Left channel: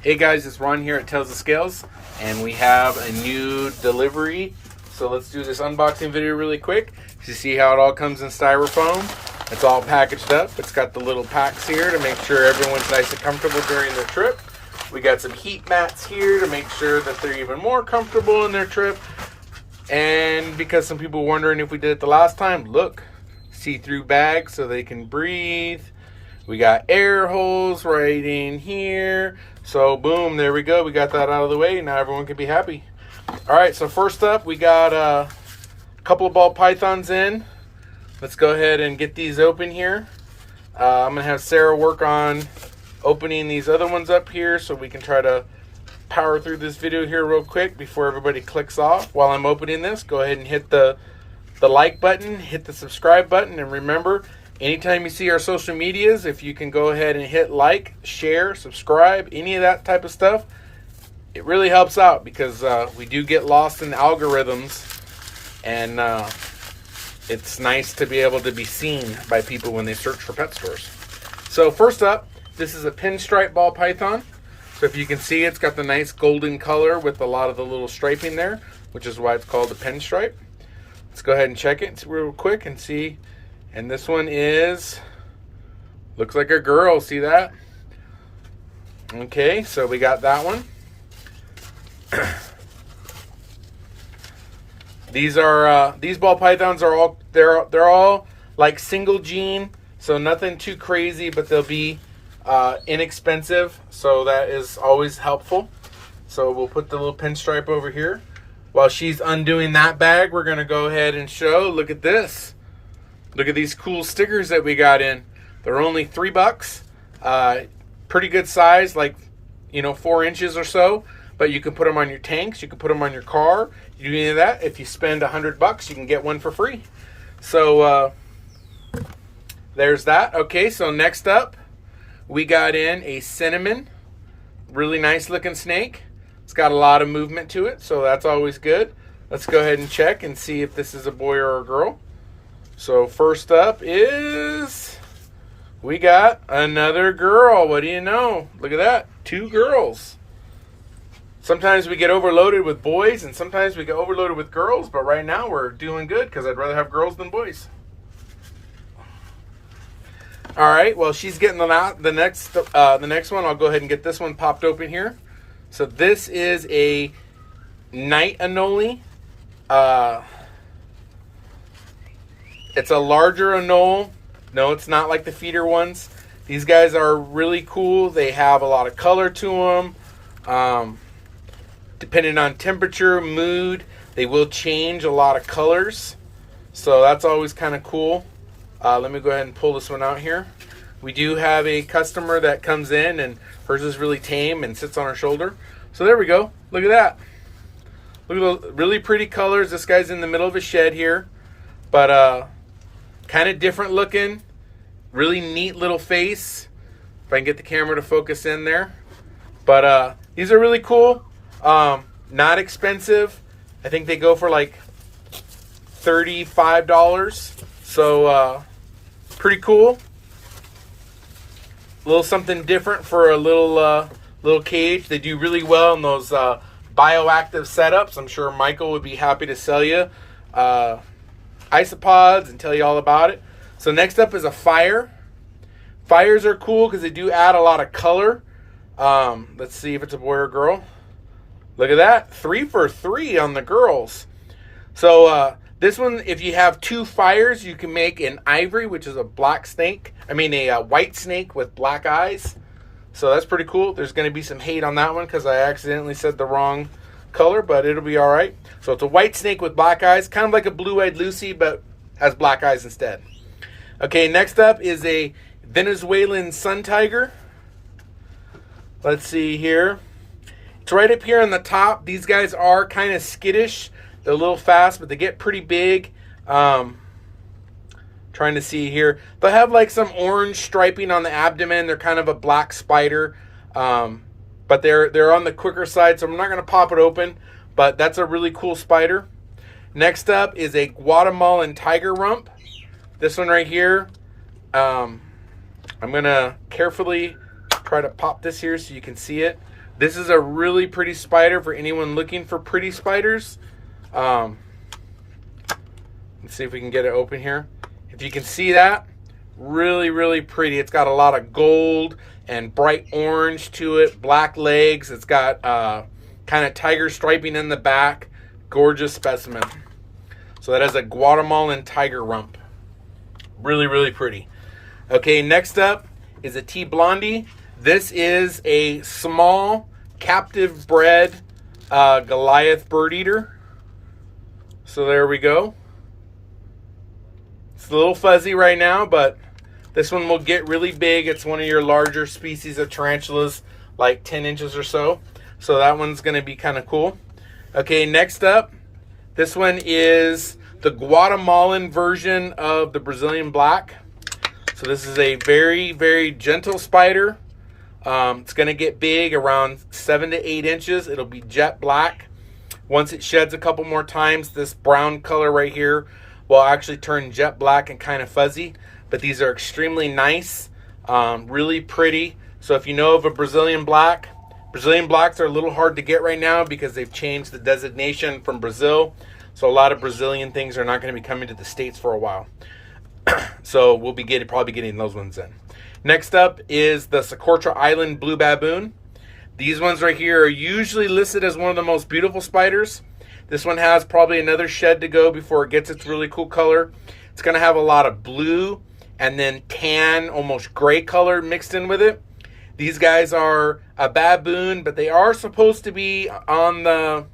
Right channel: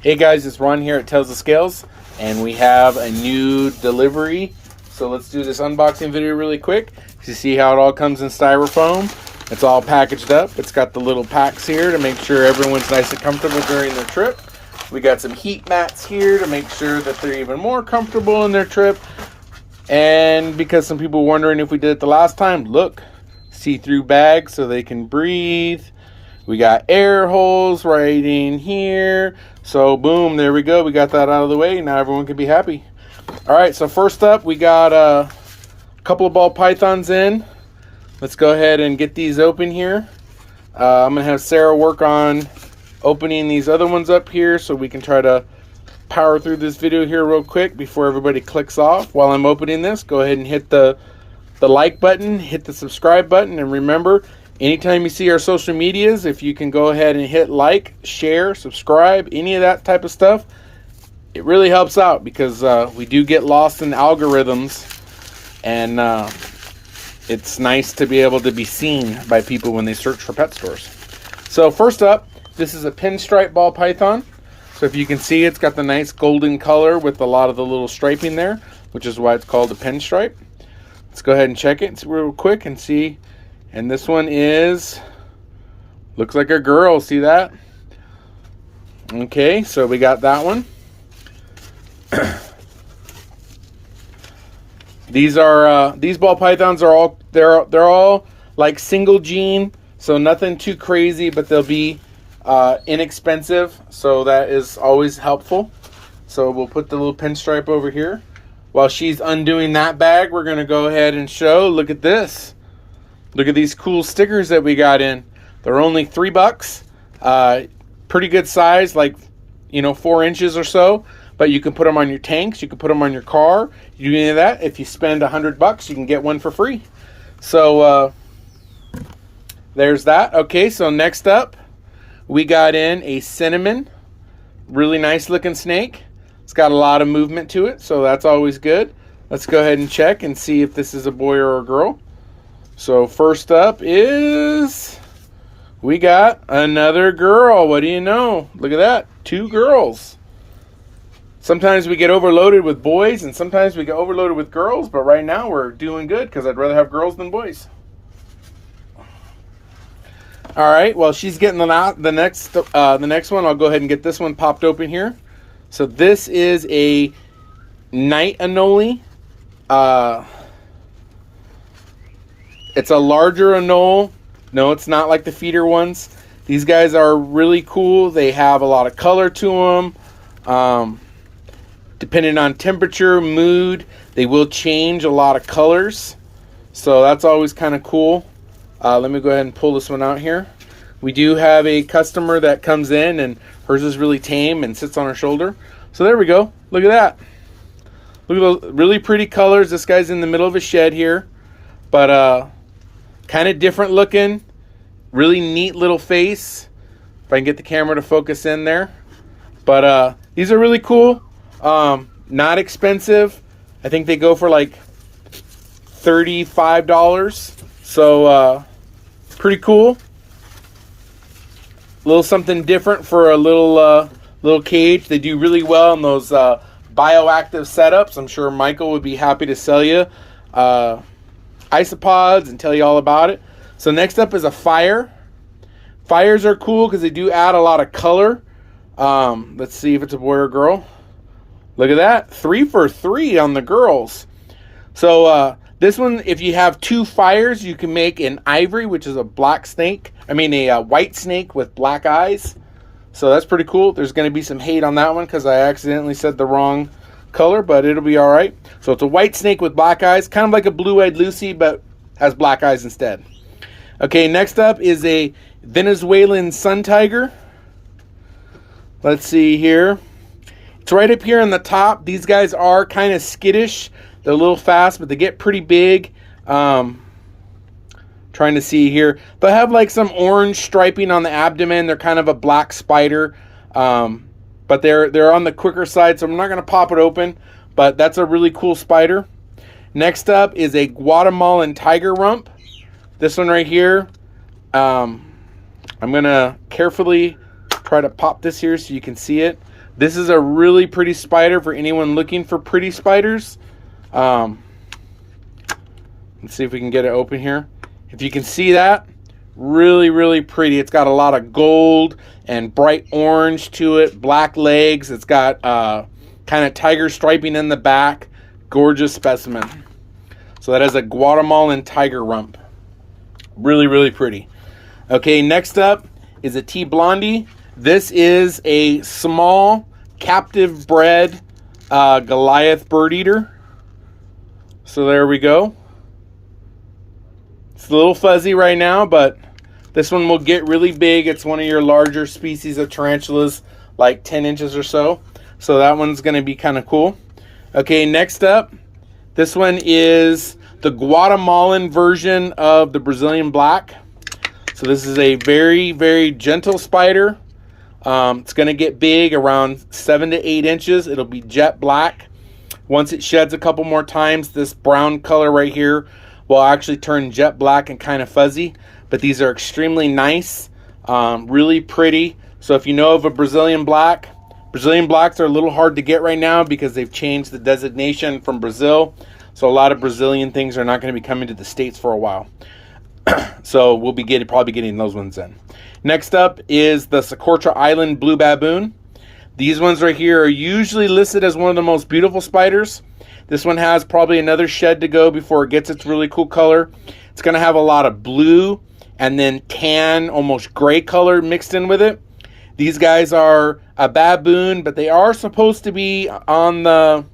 Hey guys, it's Ron here at Tails2scales, and we have a new delivery. So let's do this unboxing video really quick to see how it all comes in styrofoam. It's all packaged up. It's got the little packs here to make sure everyone's nice and comfortable during their trip. We got some heat mats here to make sure that they're even more comfortable in their trip. And because some people were wondering if we did it the last time, look, see-through bags so they can breathe. We got air holes right in here. So boom, there we go. We got that out of the way. Now everyone can be happy. All right, so first up, we got a couple of ball pythons in. Let's go ahead and get these open here. I'm gonna have Sarah work on opening these other ones up here so we can try to power through this video here real quick before everybody clicks off. While I'm opening this, go ahead and hit the like button, hit the subscribe button, and remember, anytime you see our social medias, if you can go ahead and hit like, share, subscribe, any of that type of stuff, it really helps out because we do get lost in algorithms, and it's nice to be able to be seen by people when they search for pet stores. So first up, this is a pinstripe ball python. So if you can see, it's got the nice golden color with a lot of the little striping there, which is why it's called a pinstripe. Let's go ahead and check it real quick and see. And this one looks like a girl, see that? Okay, so we got that one. These ball pythons are all, they're all like single gene, so nothing too crazy, but they'll be inexpensive, so that is always helpful. So we'll put the little pinstripe over here. While she's undoing that bag, we're gonna go ahead and show, look at this. Look at these cool stickers that we got in. They're only $3. Pretty good size, like, 4 inches or so. But you can put them on your tanks. You can put them on your car. You do any of that. If you spend $100, you can get one for free. So there's that. Okay, so next up, we got in a cinnamon. Really nice looking snake. It's got a lot of movement to it, so that's always good. Let's go ahead and check and see if this is a boy or a girl. So first up is, we got another girl. What do you know? Look at that, 2 girls. Sometimes we get overloaded with boys and sometimes we get overloaded with girls, but right now we're doing good because I'd rather have girls than boys. All right, well, she's getting them out. The next one, I'll go ahead and get this one popped open here. So this is a night anole. It's a larger anole. No, it's not like the feeder ones. These guys are really cool. They have a lot of color to them. Depending on temperature, mood, they will change a lot of colors. So that's always kind of cool. Let me go ahead and pull this one out here. We do have a customer that comes in and hers is really tame and sits on her shoulder. So there we go. Look at that. Look at those really pretty colors. This guy's in the middle of a shed here. But kind of different looking, really neat little face. If I can get the camera to focus in there. But these are really cool, not expensive. I think they go for like $35. So pretty cool. A little something different for a little cage. They do really well in those bioactive setups. I'm sure Michael would be happy to sell you isopods and tell you all about it. So next up is a fire. Fires are cool because they do add a lot of color. Let's see if it's a boy or girl. Look at that, 3 for 3 on the girls. So this one, if you have 2 fires, you can make an ivory, which is a black snake. I mean a white snake with black eyes. So that's pretty cool. There's going to be some hate on that one because I accidentally said the wrong color, but it'll be all right. So it's a white snake with black eyes, kind of like a blue-eyed Lucy, but has black eyes instead. Okay, next up is a Venezuelan sun tiger. Let's see here. It's right up here on the top. These guys are kind of skittish. They're a little fast, but they get pretty big. Trying to see here. They'll have like some orange striping on the abdomen. They're kind of a black spider. But they're on the quicker side, so I'm not going to pop it open. But that's a really cool spider. Next up is a Guatemalan tiger rump. This one right here. I'm going to carefully try to pop this here so you can see it. This is a really pretty spider for anyone looking for pretty spiders. Let's see if we can get it open here. If you can see that, really, really pretty. It's got a lot of gold and bright orange to it, black legs. It's got kind of tiger striping in the back. Gorgeous specimen. So that is a Guatemalan tiger rump. Really, really pretty. Okay, next up is a T Blondie. This is a small captive bred Goliath bird eater. So there we go. It's a little fuzzy right now, but this one will get really big. It's one of your larger species of tarantulas, like 10 inches or so. So that one's going to be kind of cool. Okay, next up, this one is the Guatemalan version of the Brazilian black. So this is a very, very gentle spider. It's going to get big, around 7 to 8 inches. It'll be jet black. Once it sheds a couple more times, this brown color right here will actually turn jet black and kind of fuzzy. But these are extremely nice, really pretty. So if you know of a Brazilian black, Brazilian blacks are a little hard to get right now because they've changed the designation from Brazil. So a lot of Brazilian things are not going to be coming to the States for a while. So we'll be probably getting those ones in. Next up is the Socotra Island Blue Baboon. These ones right here are usually listed as one of the most beautiful spiders. This one has probably another shed to go before it gets its really cool color. It's going to have a lot of blue and then tan, almost gray color mixed in with it. These guys are a baboon, but they are supposed to be on the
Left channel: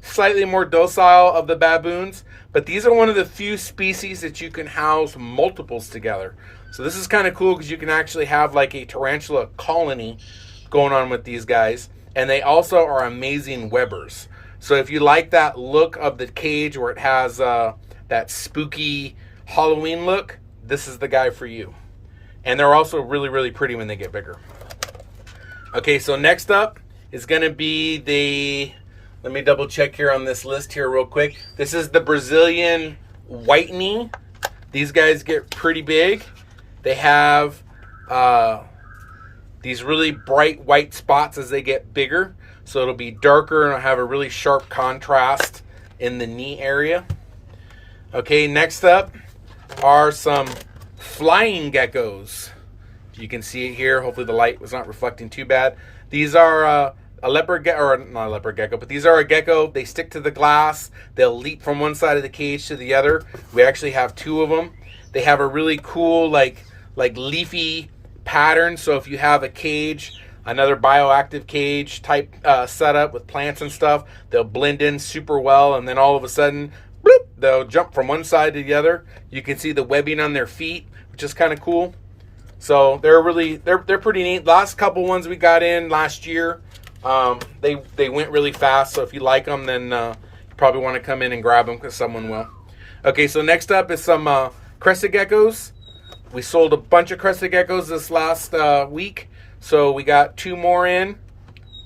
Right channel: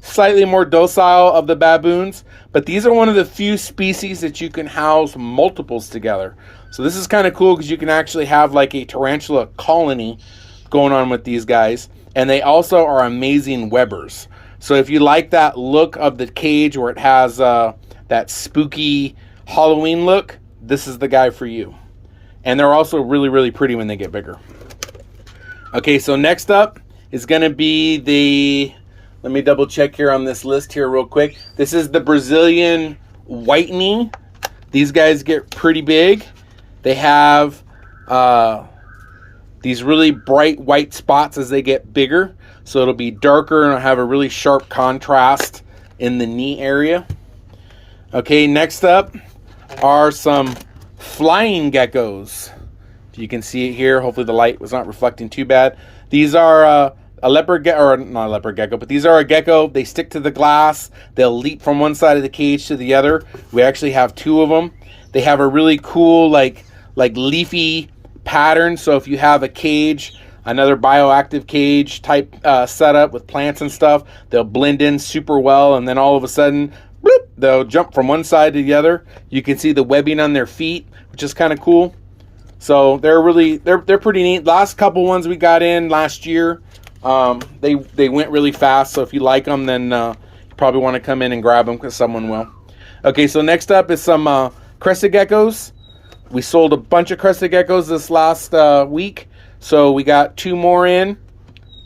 slightly more docile of the baboons. But these are one of the few species that you can house multiples together. So this is kind of cool because you can actually have like a tarantula colony going on with these guys. And they also are amazing webbers. So if you like that look of the cage where it has that spooky Halloween look, this is the guy for you. And they're also really, really pretty when they get bigger. Okay, so next up is going to be the, let me double check here on this list here real quick. This is the Brazilian whitening. These guys get pretty big. They have these really bright white spots as they get bigger. So it'll be darker and it'll have a really sharp contrast in the knee area. Okay, next up are some flying geckos. You can see it here. Hopefully the light was not reflecting too bad. These are a leopard gecko, or not a leopard gecko, but these are a gecko. They stick to the glass. They'll leap from one side of the cage to the other. We actually have 2 of them. They have a really cool like leafy pattern. So if you have a cage, another bioactive cage type setup with plants and stuff, they'll blend in super well. And then all of a sudden, bloop, they'll jump from one side to the other. You can see the webbing on their feet, which is kind of cool. So they're pretty neat. Last couple ones we got in last year, they went really fast. So if you like them, then you probably want to come in and grab them because someone will. Okay, so next up is some crested geckos. We sold a bunch of crested geckos this last week, so we got 2 more in.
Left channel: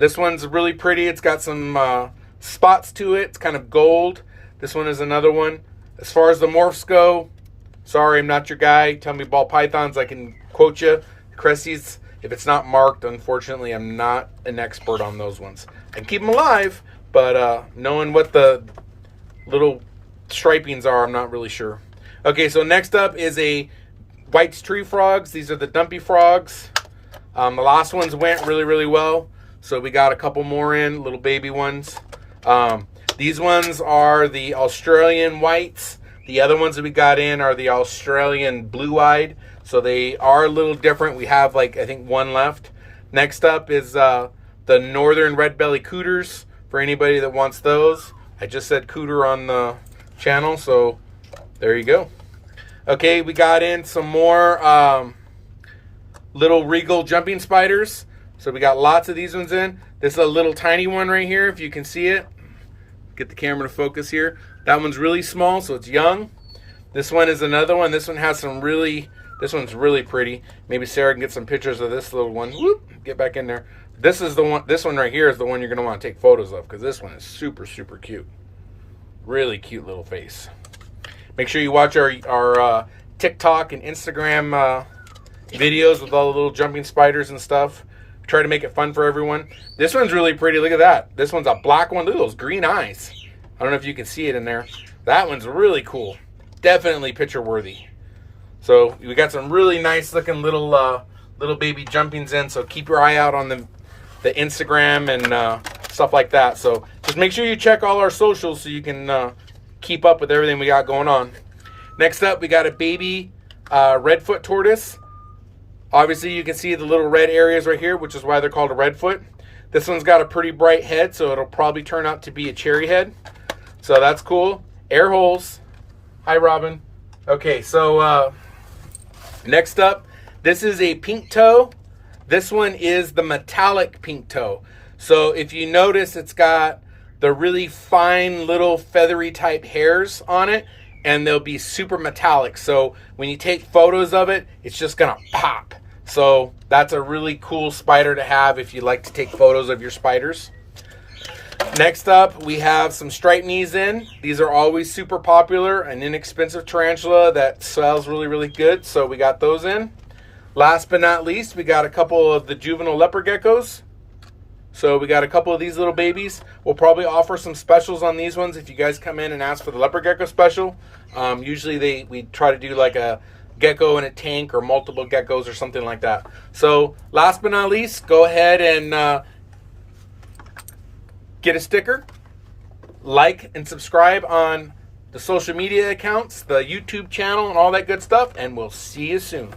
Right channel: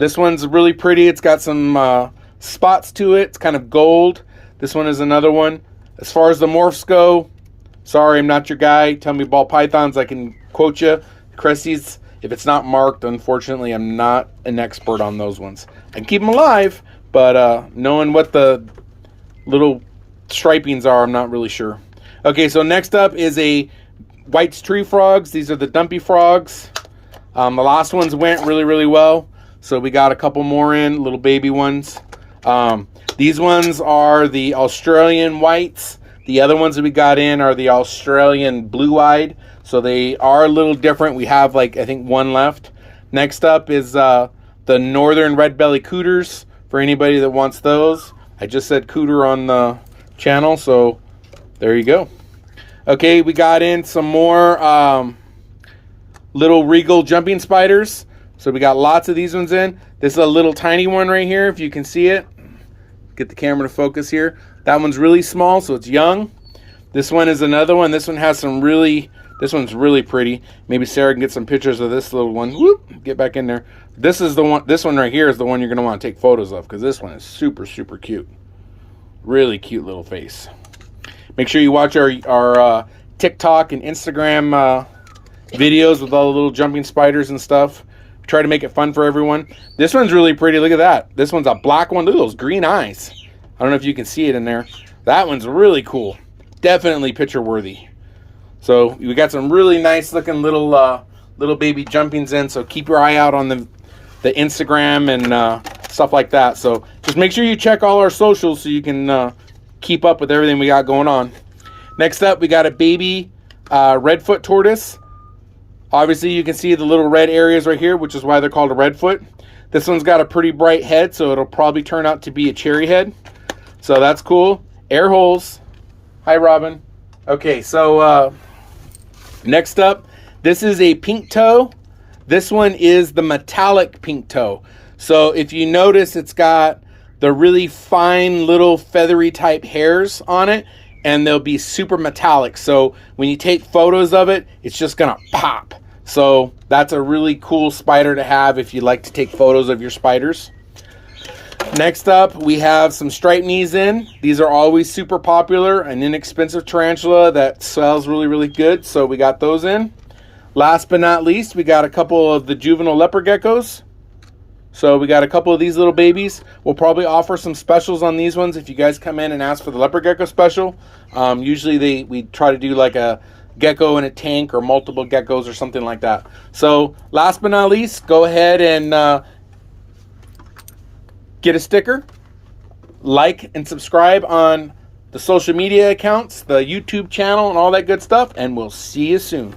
This one's really pretty. It's got some spots to it. It's kind of gold. This one is another one. As far as the morphs go, sorry, I'm not your guy. Tell me ball pythons, I can quote you. Cresties, if it's not marked, unfortunately, I'm not an expert on those ones. I can keep them alive, but knowing what the little stripings are, I'm not really sure. Okay, so next up is a White's tree frogs. These are the dumpy frogs. The last ones went really, really well. So we got a couple more in, little baby ones. These ones are the Australian whites. The other ones that we got in are the Australian blue-eyed. So they are a little different. We have like, I think, 1 left. Next up is the northern red-belly cooters for anybody that wants those. I just said cooter on the channel, so there you go. Okay, we got in some more little regal jumping spiders. So we got lots of these ones in. This is a little tiny one right here, if you can see it. Get the camera to focus here. That one's really small, so it's young. This one is another one. This one has some really, this one's really pretty. Maybe Sarah can get some pictures of this little one. Whoop, get back in there. This is the one, this one right here is the one you're gonna wanna take photos of because this one is super, super cute. Really cute little face. Make sure you watch our TikTok and Instagram videos with all the little jumping spiders and stuff. try to make it fun for everyone. This one's really pretty. Look at that. This one's a black one. Look at those green eyes. I don't know if you can see it in there. That one's really cool. Definitely picture worthy. So we got some really nice looking little baby jumpings in. So keep your eye out on the Instagram and stuff like that. So just make sure you check all our socials so you can keep up with everything we got going on. Next up, we got a baby redfoot tortoise. Obviously, you can see the little red areas right here, which is why they're called a redfoot. This one's got a pretty bright head, so it'll probably turn out to be a cherry head. So that's cool. Air holes. Hi, Robin. Okay, so next up, this is a pink toe. This one is the metallic pink toe. So if you notice, it's got the really fine little feathery type hairs on it, and they'll be super metallic. So when you take photos of it, it's just gonna pop. So that's a really cool spider to have if you like to take photos of your spiders. Next up, we have some striped knees in. These are always super popular, an inexpensive tarantula that sells really, really good. So we got those in. Last but not least, we got a couple of the juvenile leopard geckos. So we got a couple of these little babies. We'll probably offer some specials on these ones if you guys come in and ask for the leopard gecko special. Usually we try to do like a gecko in a tank or multiple geckos or something like that. So last but not least, go ahead and get a sticker, like and subscribe on the social media accounts, the YouTube channel, and all that good stuff, and we'll see you soon.